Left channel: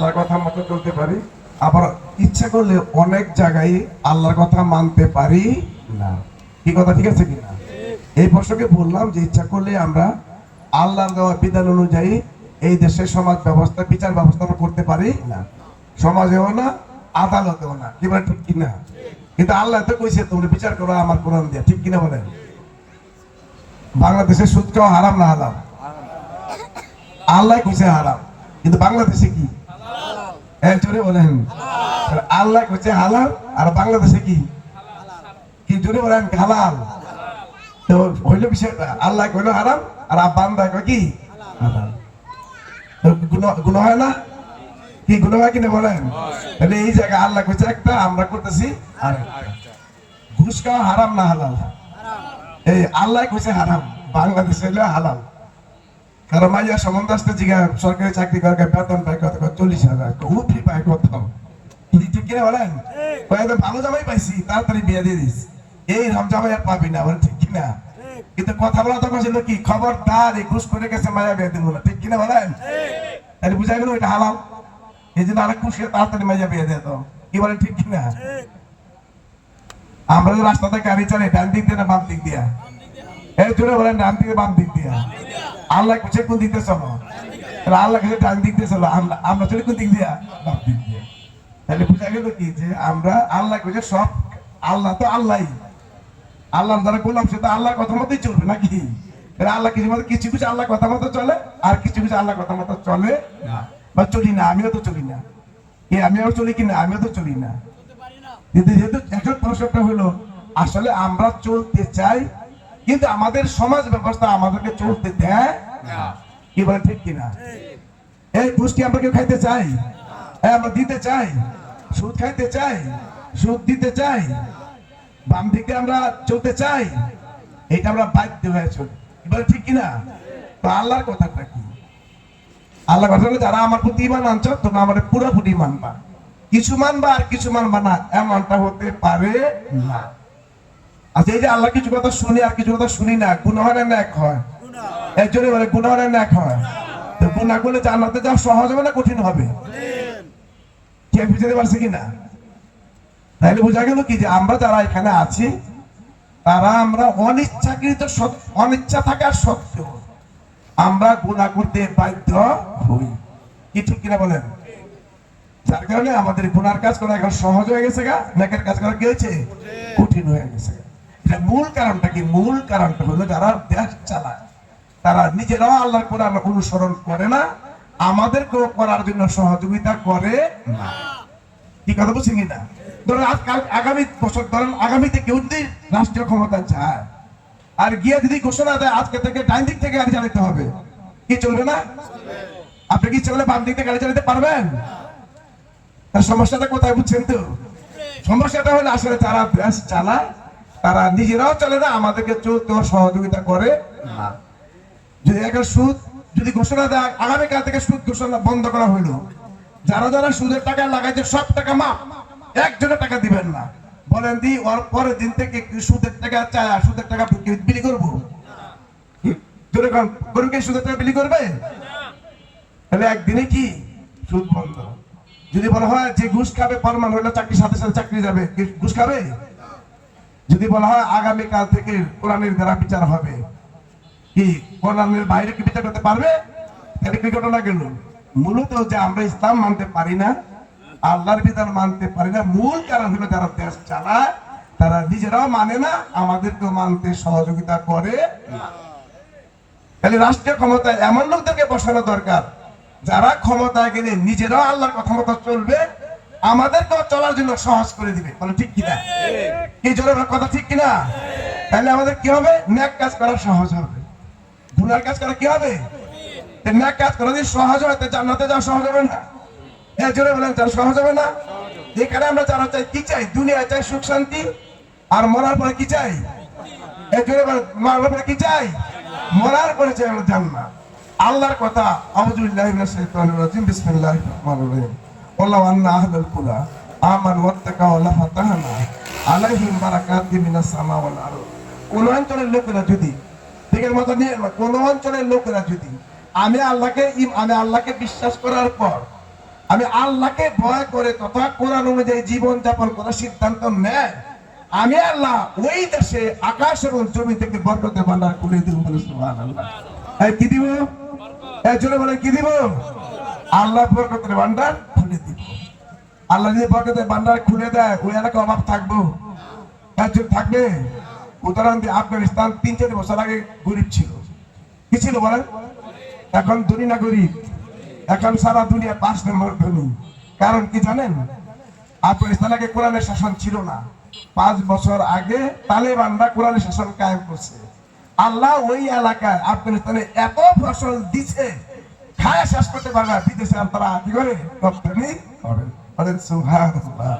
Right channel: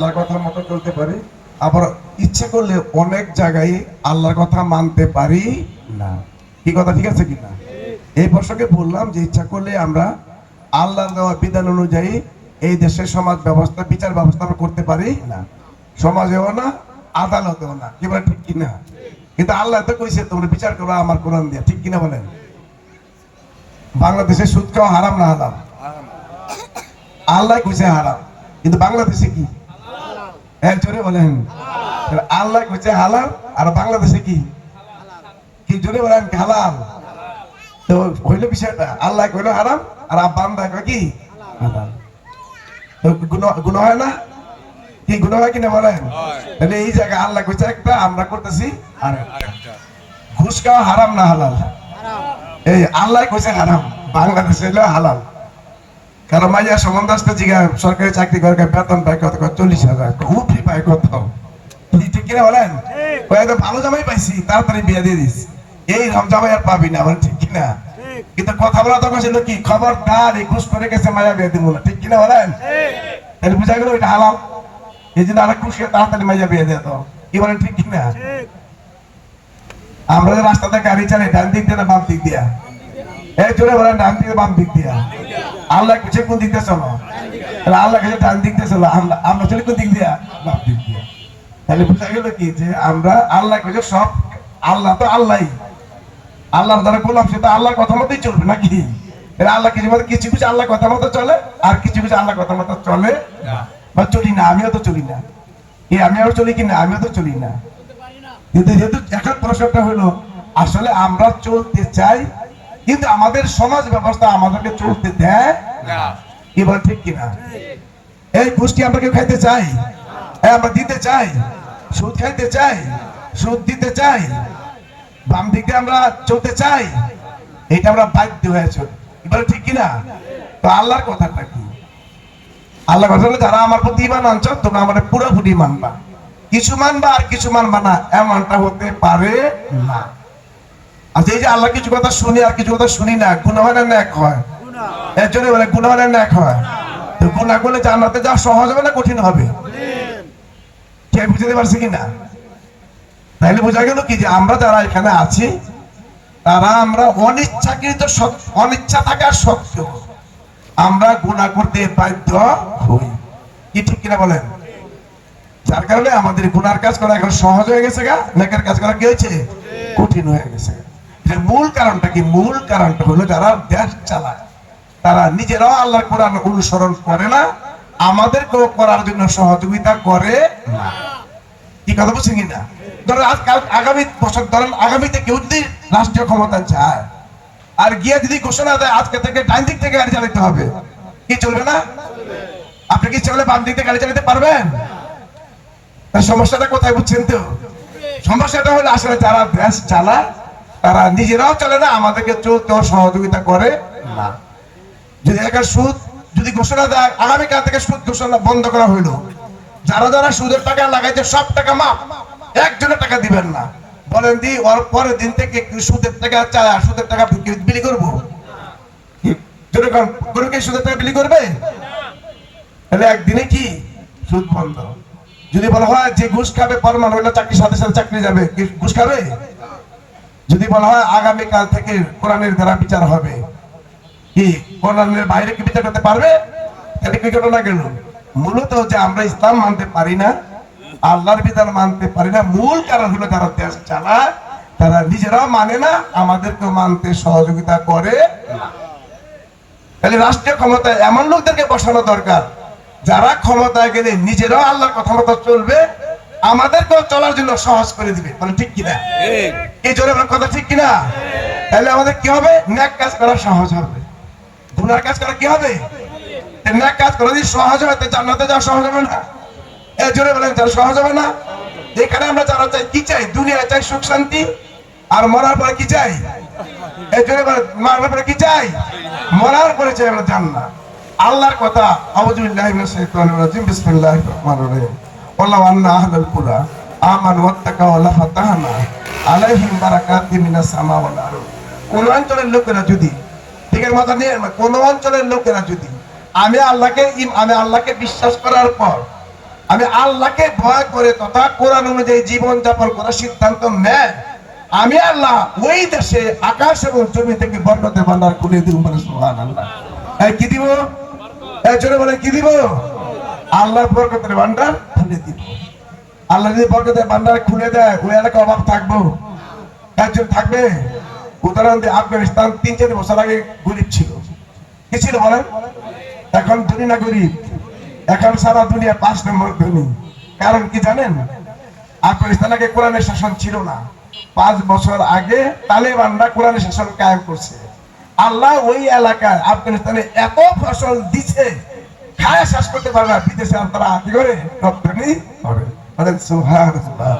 আল্লাহর কথা মতো চলতে পারি। আবার ইচ্ছে করলে অনেক জায়গায় আল্লাহর কথা মানতে পারি না। কি কথা, ঠিক আছে কিনা? এই প্রসঙ্গে বললাম যে ইচ্ছা করলে আমরা আল্লাহর দেওয়া বিধান অনুযায়ী এই দেশের সমাজ ব্যবস্থা, বিচার ব্যবস্থা করতে পারি না। সমাজেও না, আদালতেও না। কি বলে, ঠিক কিনা? কিন্তু আল্লাহ তো কইছে, তোমরা বিচার করো আমার কোরআন দিয়া। ঠিক কিনা বলেন? বাংলাদেশে সুদ খাওয়া হারাম না হারাম আল্লাহ কইছে হারাম। কিন্তু বাংলাদেশে কি? হ্যাঁ জোরে বলেন। আল্লাহ কইছে হালাল, আর বাংলাদেশে কি? জোরে বলেন হালাল? তো হইল বিষয়টা, আল্লাহ কইল হারাম, আর বান্দা কি? গুণ হয় না? কি গুণ হয় কিনা বলেন? তাহলে এই জায়গায় আল্লাহ কইছে একটা, আমরা করতেছি আর ঘুষ খাওয়া হারাম না হালাল? এই আল্লাহ কইছে হারাম, বাংলাদেশে হলো হালাল। কারণ মাইয়া সম্বন্ধ আসতে জিগা সরকারি চাকরি করে বেতন পায় কত চল্লিশ হাজার উঠি পায় কত ঠিক কিনা বলেন? একদম ভালো জামাই পাইছি তাড়াতাড়ি বিয়ে দিয়ে দিস। এই রম জামাই আর পাবি না। বলে ঠিক কিনা? কিন্তু কথা বলা তখন ছিল কি খবরদার এই ঘুষ করে গেছে মাইয়া বিয়ে দিব ঠিক কিনা বলেন? তাহলে বুঝা গেল এটা হালাল। এই জন্য আরেক খুশি তাড়াতাড়ি মাইয়া বিয়ে দিয়ে দাও। কি বলেন ঠিক কিনা? আমরা যে রাস্তাতে গাড়ি চালাই ডান দিক দিয়ে না বাম দিক দিয়া? এই জোরে বলেন ডান দিকে বাম দিক দিয়া। আল্লাহ কাছে কোন দিক দিয়ে চলো? তাহলে আল্লাহ কাছে ডান দিক দিয়ে চলো? আমরা আমরা চলি কোন দিক দিয়া? বাম দিক দিয়া। তাহলে বোঝা গেল কি যে আমরা আল্লাহ কাছে সব আল্লাহ তো আল্লাহই। আল্লাহর দ্বারা গোলাম সে তো আল্লাহর কথা মতোই চলবে নাকি? আল্লাহ কিছু মতো কিছু কিছু আল্লাহ কথা মতো চলে আর কিছু কিছু আল্লাহ কথা মতো চলে বা চলি না আমিও তো চলি না। এ আমিও চলি কি না? আমিও তো চলি না। কিন্তু যেহেতু এখন প্রশ্নটা হলো আসলে আমরা চলতে চাই কিন্তু আমাদের সমাজ ব্যবস্থা আমাদেরকে চলতে দেয় কি বলে ঠিক কিনা? এই পুষ্টি আমরা কেউ খাইতে চাই? হ্যাঁ আমরা দিতে চাই? সুদ খাইতে চাই? সুদ দিতে চাই? বাম দিকে আমরা চলতে চাই? এটা আমরা বাধ্য হয়েছে এবার ঠিক কিনা? তো আল্লাহর কথাটা কি? আল্লাহ কথা যারা আমার প্রতি ইমান আনছ তোমরা আমার পুরোপুরি মানবা। কিছু মানবা আর কিছু মানবা না এমনটা হতে পারে না। আচ্ছা এই যে আল্লাহ কিছু কথা শুনি আর কিছু কথা শুনি না গুণমানের ন্যাক হয়? এর বলে গুণমানের ন্যাক হয়। তো গুণা করলে জান্নাতে যাওয়া সহজ হবে না কঠিন হবে? কে বুঝতে পারছে কিনা তাইলে বোঝা গেল কি যে আমরা যারা এখানে আছি, তারা আমরা অনিচ্ছাকৃত অনিচ্ছা থাকার সত্ত্বেও আমরা গুণা করতে বাধ্য হই। কি ঠিক কিনা বলেন? যার কারণে আমাদের গুনার কাজ করা এখন সহজ হয়ে গেছে গা নেকের কাজ করা কি হয়েছে? কঠিন হয়ে গেছে এর মূল কারণটা কি? মূল কারণটা হলো যারা দেশ চালায়, তারা নিজেরাও কোরআন অনুসরণ করে না করার জন্য সহযোগিতা করে না। কি কথা ধরেন আগামী বছর, ধরেন আগামীতে কেউ যদি রাষ্ট্রীয় ক্ষমতা চায়, আর গিয়ে যদি ঘোষণা দেয়, আজকে থেকে ডাইন দিক থেকে গাড়ি চালাতে হবে, কি চলবে না? আপনি কি চলে বাম দিক থেকে গাড়ি চালাতে পারবেন? সমস্যাটা কোথায় বুঝছেন তো? সমস্যাটা হলো আসলে যারা দেশ চালায় তারা নিজেরাও চলে না, আমাদেরকে চলতেও সহযোগিতা করে না। যদি একটা সুদ যদি ঘোষণা দেয়, আগামীকাল থেকে সুদ ঘোষণা বন্ধ করা হইল। যারা যারা সুদের টাকা লাগাইছে, সব টাকা মাপ একজনের টাকা দিবেন না। বলেন দি, ওর পরের দিন থেকে সুদের টাকা চায় আর সুদের টাকা বিলি করব? সুদের টাকা বিলি করবে? তাহলে একদিনে কি? সুদ বন্ধ। যদি বলা হয় যে ঘুষ খাবে পরমান হইলে, চাকরির সাথে সাথে চাকরি যাবে ঘুষ খাবে? যদি বলা হয় আগামীকাল থেকে কোরআনের দ্বারা বিচার হবে, কি কোরআনের বাইরে কি বিচার করতে পারবে? তাহলে কি ঘটনা গেল? মূলত যে আমরা ইসলাম মানতে পারি না, আল্লাহর বিধান মানতে পারি না, মূল কারণ হলো যারা দেশ চালায়, তারা নিজেরাও মানে না আমাদেরকে মানতে সহযোগিতা করে তাহলে রাষ্ট্রীয় ক্ষমতায় এমন লোকদেরকে বসানো দরকার, যারা ক্ষমতায় গেলে নিজেরাও আল্লাহর কথা মতো চলবে আমাদেরকেও চলার জন্য সহজ করে দিবে। মানে ঠিক কিনা? এই জোরে আমার কথা ঠিক কিনা? তাহলে আমাদের কি হবে? ন্যাক কাজ করা সহজ হবে। গুনার কাজ করা কি হবে? ন্যাক কাজ করা যদি সহজ হবে জান্নাতে যাওয়া সহজ হবে না। এই জোরে বলেন তাহলে সহজ হবে না? এখানে আমরা যারা চাই কি চাই? দুনিয়া চাই সুখ শান্তি আর মরার পরে কি চাই? এই জোরে মরার পরে কি চাই? মরার পরে চাই আমরা জান্নাত। আল্লাহর কথা আউযুবিল্লাহি মিনাশ শাইতানির রাজিম বিসমিল্লাহির রহমানির রহিম। আন্না আহলাল কুরা আমানু ওয়াত্তাকাউ লাফাতাহনা আলাইহিম বারাকাতিম মিনাস সামা ওয়াল আরদ। কোন অঞ্চলের লোকেরা যদি আছে মাথা নিয়ে কোন অঞ্চলের লোকেরা যদি, আমি আল্লাহকে আমি আল্লাহকে বিশ্বাস করার পর, আমি আল্লাহকে ভয় করে তথা কোরআন অনুযায়ী জীবন যাপন করার সিদ্ধান্ত নেয়, আমি আল্লাহ ওই দেশে আকাশ এবং জমি থেকে বরকতের ভান্ডার খুলে দিব বলে সুবহানাল্লাহ। এই কি দিব? জোরে বলে কি দিব? আল্লাহ বরকতের ভান্ডার খুলে দিব আল্লাহ যদি বরকতের ভান্ডার খুলে দেয় ওই এলাকা অভাব থাকব। একজন থাকবে, উদাহরণ আফগানিস্তান তিন চার বছর আগে গরিব ছিল। কি ছিল বলেন? এখন ধনী না গরিব? এখন সারা দুনিয়া পাঁচ নম্বর ধনী। কারণ কি জানেন? আফগানিস্তান আগে কোরআনের শাসন ছিল না। পাঁচ বছর আগে তালেবানরা কোরআনের শাসন কায়েম করছে। আল্লাহ ওই এলাকায় আফগানিস্তানে এত ফসল দিছে খায় শেষ করতে পারে না। বিদেশে তারা কি করে রপ্তানি করে বলেন সুবহানাল্লাহ।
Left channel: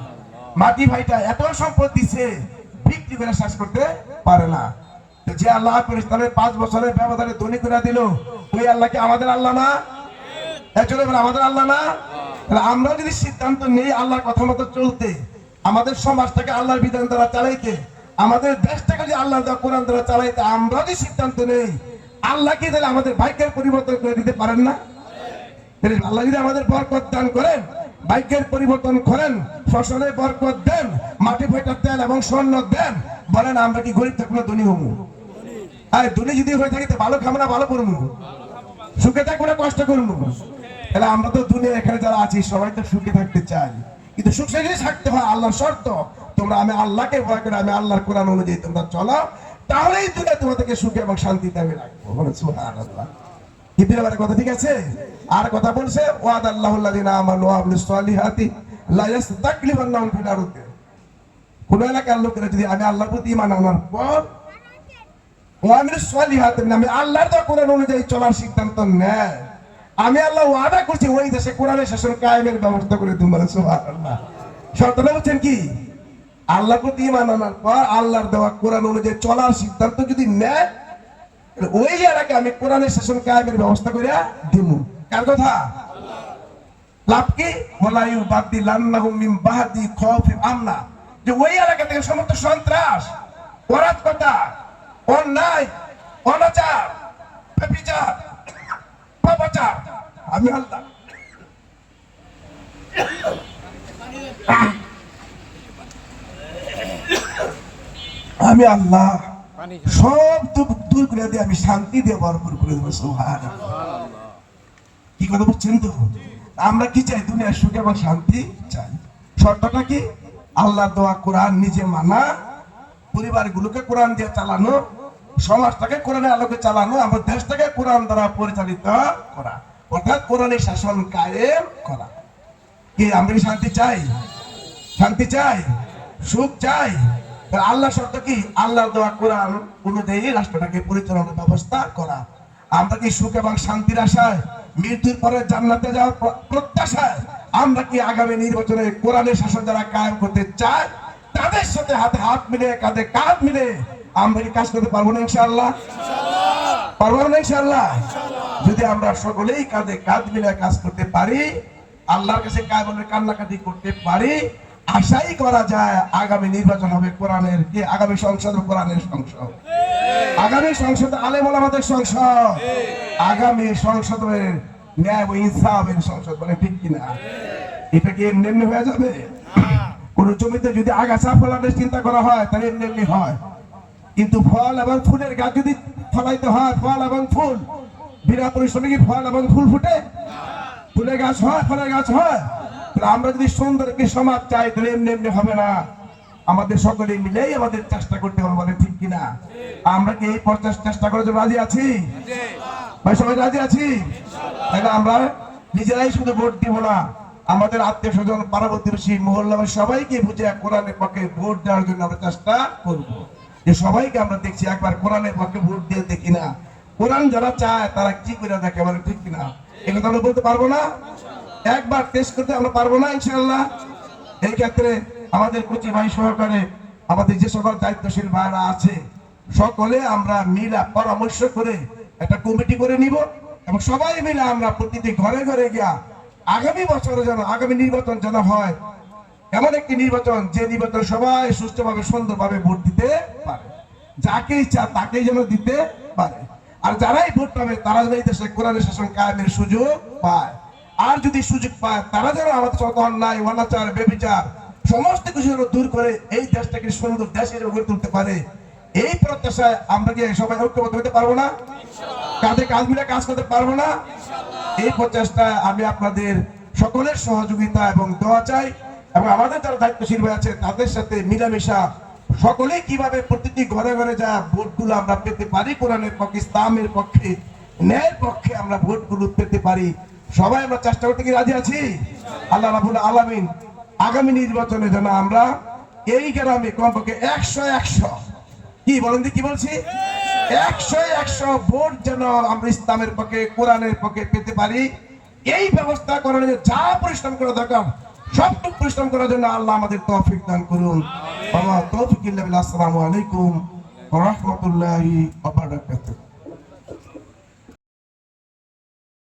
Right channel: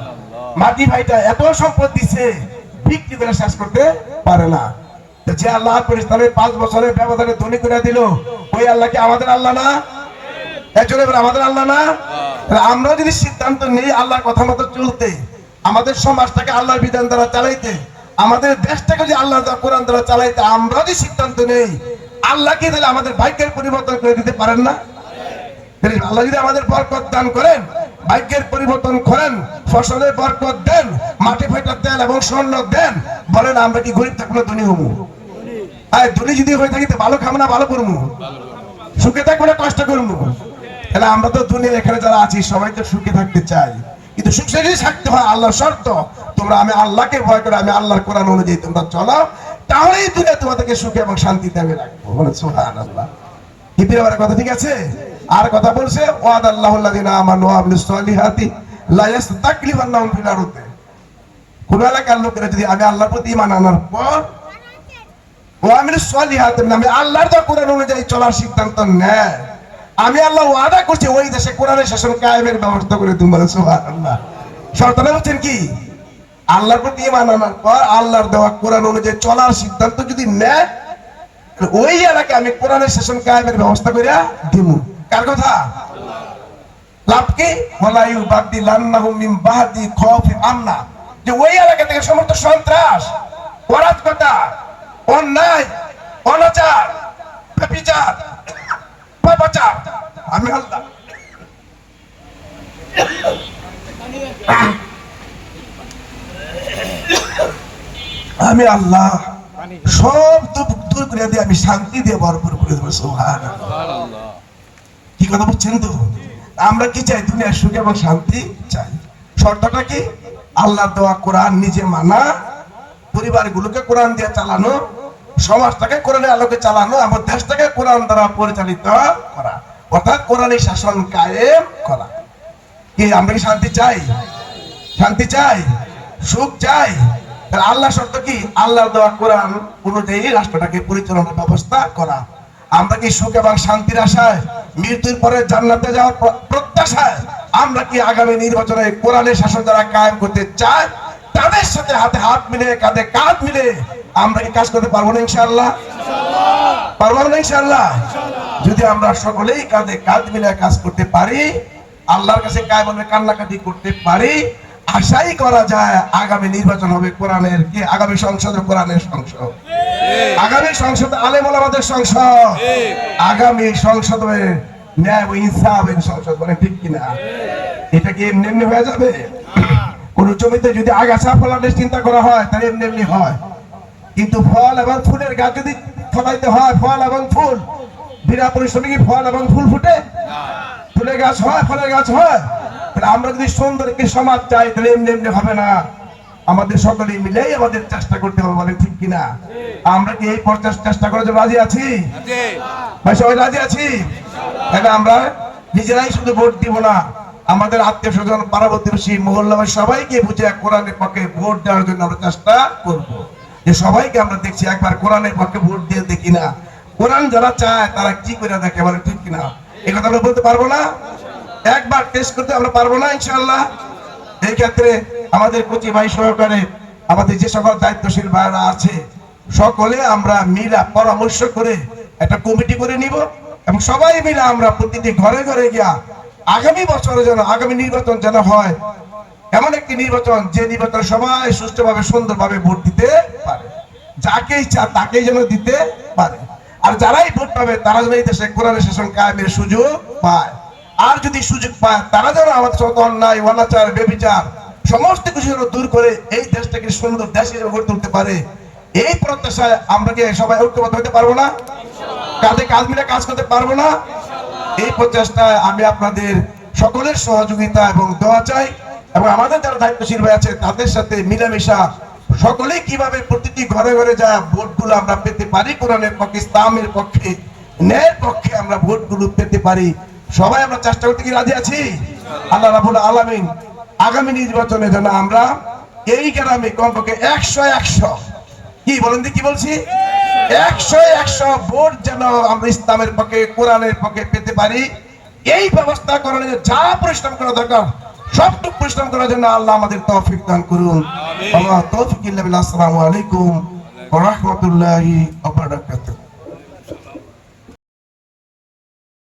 মাটি ভাইটা এত সম্পদ দিছে, বিক্রি করে শেষ করতে পারে না। যে আল্লাহ আফগানিস্তানের পাঁচ বছরের ব্যবধানে ধনী করে দিল। ওই আল্লাহ কি আমাদের আল্লাহ না? একজনে আমাদের আল্লাহ না? আমরা যদি সিদ্ধান্ত নেই আল্লাহর কথা মতো চলতে, আমাদের সমাজটাকে আল্লাহর বিধান দ্বারা চালাইতে, আমাদের দেশটাকে যদি আল্লাহর দ্বারা কোরআন দ্বারা চালাইতে আমরা যদি সিদ্ধান্ত নেই আল্লাহ কি তাহলে আমাদের ভাগ্যের পরিবর্তন করে দিতে পারেন না? আল্লাহ যদি আমাদের বরকত দান করেন, ভাগ্যের পরিবর্তন করেন ফসলের বরকত দেন, মাটি ফাটা তেল এবং স্বর্ণ দেন, বলেন, আমরা কি গরিব থাকব না ধনী হব? ধনী যদি হয়ে থাকি ভালো খাব না, ভালো করব? সুখে থাকব না, কষ্ট করব? তাহলে আমরা তো দুনিয়া এখানে যারা আছি, সবাই তো সুখে থাকতে চাই। কিন্তু সুখে যদি থাকতে হয় আল্লাহ শর্ত। তোমরা আমি আল্লাহকে ভয় করে, আমি আল্লাহর কোরআন অনুযায়ী তোমরা চলো। তাহলেই দুনিয়া তোমাদেরকে সুখে এবং শান্তিতে আমি রাখব। বলে আল্লাহ আমার কথা ঠিক আছে? আর কথা বলছে ওয়াদ আমানু আমি আল্লাহ ওয়াদা করছি, ওই দেশে শাসন কায়েমের ব্যবস্থা করে হচ্ছেন কি? আল্লাহর প্রতি ঈমান আনার পর আল্লাহর দেওয়া কোরআন অনুযায়ী চলার সিদ্ধান্ত যদি নেয় ওই এলাকায় আমি কোরআনের শাসন কায়েমের ব্যবস্থা করে দিব কার কথা? যে ওই এলাকা সন্ত্রাস আমি আমি আল্লাহ, সব দূর- দূর করে দিয়ে আমি শান্তি দিয়ে ভরপুর করে দেবো সুহান কি কথা বুঝছেন তো? আমরা কি চাই? দুনিয়ার সুখ এবং শান্তি চাই। শর্তটা কি? আল্লাহ দেওয়া কোরআন নিজে মানা, পরিবারগুলোকে কোরআন দিয়ে চালানো, সমাজটাকে কোরআনের আলোকে চালানো আমার দেশটাকে কোরআন দ্বারা পরিচালিত করা, অর্থাৎ কোরআনের শাসন কায়েম করা। কি, আমরা কি শান্তি চাই? শান্তি চাই? সুখ চাই। তাহলে আল্লাহ শর্ত কি? আল্লাহ দেওয়া কোরআন অনুযায়ী রাষ্ট্রটাকে পরিচালনার ব্যবস্থা করা। আমরা কি সুখ এবং শান্তির আশায় মৃত্যুর পরে জান্নাতে যাওয়ার প্রত্যাশায় আমরা কি আগামী নির্বাচনে কোরআনের শাসন দ্বারা কায়েম করতে চাই? তাদের সাথে হাতে হাত মিলে কাঁধে কাঁধ মিলে আমরা কি কাজ করতে পারব না ইনশাআল্লাহ? পারব না ইনশাআল্লাহ? যদি আমরা সকলেই কাঁধে কাঁধ মিলে কাজ করতে পারি, আল্লাহর কাছে কায়মনে কান্নাকাটি করতে পারি আশাই করা যায় আগামী নির্বাচন হবে কোরআনের কি? আগামী সংসদ কোরআনের সংসদ। আগামী সংসদ আলেম আমাদের সংসদ। আগামী সংসদ হবে ন্যায় ও ইনসাফের সংসদ মানে ঠিক কিনা? এটা কি এমনি এমনি হয়ে যাবে? কোন জমিতে যদি আগাছা ফলানোর চিন্তা করা হয়, তাহলে এমনি এমনি হয়। কিন্তু ফল এবং ফুলের গাছ যদি ফলাইতে হয়, ফল এবং ফুল, বিনা পরিশ্রমে কি ফল এবং ফুল ফুটে? ফুলের গাছ হয়, ফলের গাছ হয়। তাহলে আমরা যদি সুন্দর একটি সমাজ চাই তাহলে এমনি এমনি হবে না। আমাদের সকলে মিলেই আমাদের চেষ্টা করতে হবে বলেন ঠিক কিনা? আমরা কি এই পর্যায়ে চেষ্টা করার জন্য রাজি আছি? ভাই সবাই রাজি আছি? তাহলে আমরা নিজেরাই শুধু ভোট দিব না আমাদের আত্মীয় স্বজন পাড়া প্রতিবেশী মহল্লা সবাইকে বুঝে কোরআনের পক্ষে ভোট দেওয়ার জন্য আমরা চেষ্টা করব। যে সবাইকে আমরা দেখছি একবার কোরআনের পক্ষে ভোট দিয়ে দেখি না। কোরআন যারা চায় তারা কি করে দেখে বলে ঠিক কিনা? এই কথা আমরা বলতে পারব না? একবার টেস্ট করতে আমরা পারব না ইনশাল্লাহ এই ক্ষেত্রে আমাদের ভাই সহকারে আমাদের যে সকল দায়িত্বশীল ভাইরা আছে, সকলে আমরা মিলা পরামর্শ করে একটা কমিটি করে নিব এবং সবাই মিলে আমরা প্রতিটি ঘরে ঘরে গিয়া আগামী বছরে যেন, আগামী নির্বাচন যেন হয়, এমন একটি নির্বাচন যে নির্বাচন সবাই সুষ্ঠুভাবে, সুন্দরভাবে ভোট দিতে পারে। যাকে ইচ্ছা তাকেই যেন দিতে পারে। আর যারাই ভোট পাবে, তারা যেন এই দেশে কোরআনের শাসন কায়েমের সুযোগ পায়। আর যদি সুযোগ পায়, তারা যেন আমাদের সাথে অন্যায়, অনাচার বেবিচার সমস্ত কিছু যেন দূর করে এই দেশটাকে সুন্দর দেশ হিসেবে গড়ে তুলতে পারে, এই প্রত্যাশায় আমরা কি সবাই ঐক্যবদ্ধ হতে পারব না? কাঁধে কাজ মিলে কাজ করতে পারব না? এই প্রচেষ্টায় আমি আপনাদের সকলের সহযোগিতা এবং দোয়া চাই এবং আমাদের যারা দায়িত্বশীল ভাই আছে, তাদের সাথে মিলামেশা সকলে কীভাবে প্রতিটি ঘরে ঘরে যা ভোটগুলো আমরা পেতে পারি, কোরআনের পক্ষে, ইসলামের পক্ষে, ন্যায়ের পক্ষে আমরা ভোটগুলো পেতে পারি সবাই আমরা চেষ্টা করতে কি রাজি আছি? আল্লাহ রাবুল আলামিন আগামী নির্বাচনে যেন আমরা এই গ্রামে কমপক্ষে একশো একশো কি বলেন কি বলছি? একশো একশো ভোট যেন আমরা ইসলামের পক্ষে কোরআনের পক্ষে পেতে পারি। এই ব্যবস্থা করার জন্য যা পরিশ্রম করা দরকার সবটুকু পরিশ্রম করার জন্য আল্লাহ আমাদের তৌফিক দান করুন। আল্লাহ তৌফিক আসসালামু আলাইকুম ওয়া রাহমাতুল্লাহি ওয়া বারাকাতুহু।